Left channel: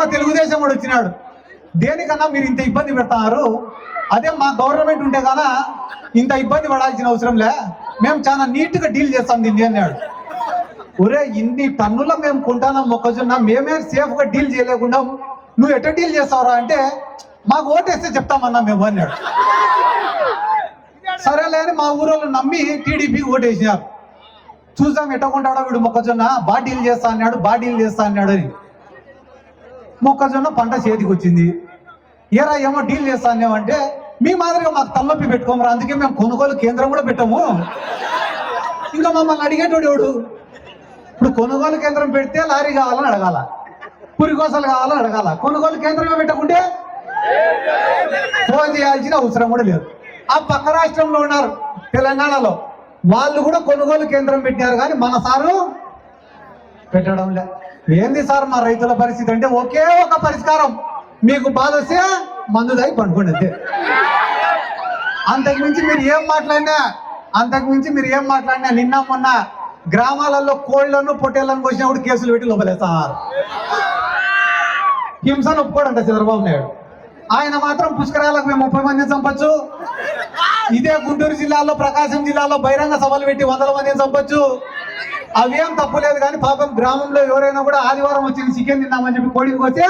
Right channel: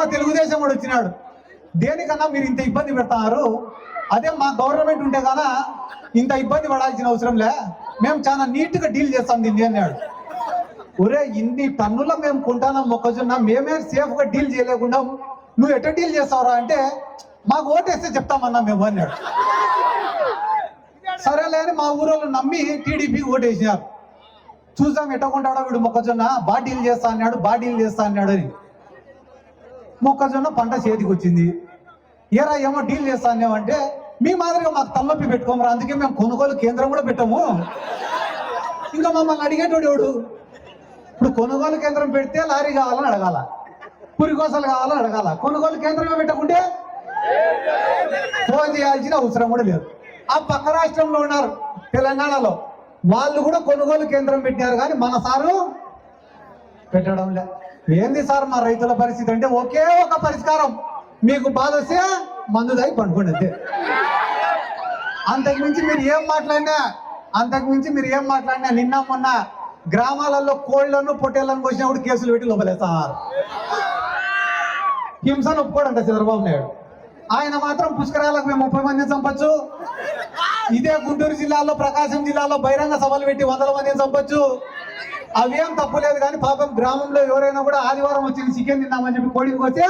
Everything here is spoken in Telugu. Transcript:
ఒక తెలుగుదేశం వాడు వచ్చినాడు, దేనికన్నా మీరు ఇంత ఇబ్బంది పెడతారు, అదే మా గవర్నమెంట్ ఉంటే కన్నా ఇంత ఇబ్బంది పడాల్సిన అవసరం లే, మేము చాలా నీట్గా డీల్ చేస్తాం దీన్ని అన్నాడు. ఒరే ఇన్ని టన్నుల మేము కొంటాం మొక్కజొన్న, మేమే సేఫ్గా డీల్ చేయలేకుండా నువ్వు ఎట్లా డీల్ చేస్తావురా అంటే మాకు ఓటేస్తే చెప్తామన్నా మేము అన్నాడు. సరేలే అని మా ఊరోళ్ళు నమ్మి టీడీపీ ఓటేసినారు. చూసాం ఎట్టకుంటాడో వీడు మొక్కజొన్న బాగా డీల్ చేస్తా అన్నాడు, బాగా డీల్ చేస్తా అన్నాడు అని. మొక్కజొన్న పంట చేతికి వచ్చింది. ఏరా ఏమో డీల్ చేస్తా అన్నామంటే మీ మాదిరిగా మాకు తలనొప్పి పెట్టుకోమరా, అందుకే మేము కొనుగోలు కేంద్రం కూడా పెట్టాము. ఇంకా మమ్మల్ని అడిగేటోడు ఎవడు? ఇప్పుడు కొనుగోలు కేంద్రం పెడితే లారీ కావాలని అడగాల, పురికోసలు కావాలని అడగాల, కొనుగోలు కేంద్రమే పెట్టకుంటే ఫోన్ చేయాల్సిన అవసరం కూడా లేదు. ఆ పక్క రాష్ట్రంలో ఉన్నారు తెలంగాణలో, వాళ్ళు కూడా కొనుగోలు కేంద్రం పెట్టారు, కానీ మన సారు పెట్టడం లే. ఏంది సార్ మా రైతుల పరిస్థితి అంటే ఒకే ఒక పరిష్కారం, మీకు బాధ వస్తే మందు దాగి పండుకోండి అంతే. అంతకుమించి మీరు ఏం మాట్లాడినా నిన్న మొన్న గ్రామాలలో కోళ్లను పొట్టేళ్లను కోసినప్పుడు కేసులు పెట్టి లోపలేస్తారు. హింసను ఒప్పుకోడంట చంద్రబాబు నాయుడు. ఆయన మాత్రం పుష్కరాలకు మేము 30 మందిని చంపచ్చు, ఇదే గుంటూరు జిల్లాలో ప్రకాశం జిల్లాలో బహిరంగ సభలు పెట్టి 100 మందిని చంపచ్చు, అవేం తప్పులేదు. కానీ పాపం గ్రామంలో ఎవరైనా కూడా ఆదివారం వచ్చి చికెన్ తిన్నామని చెప్పి కోడికి వస్తే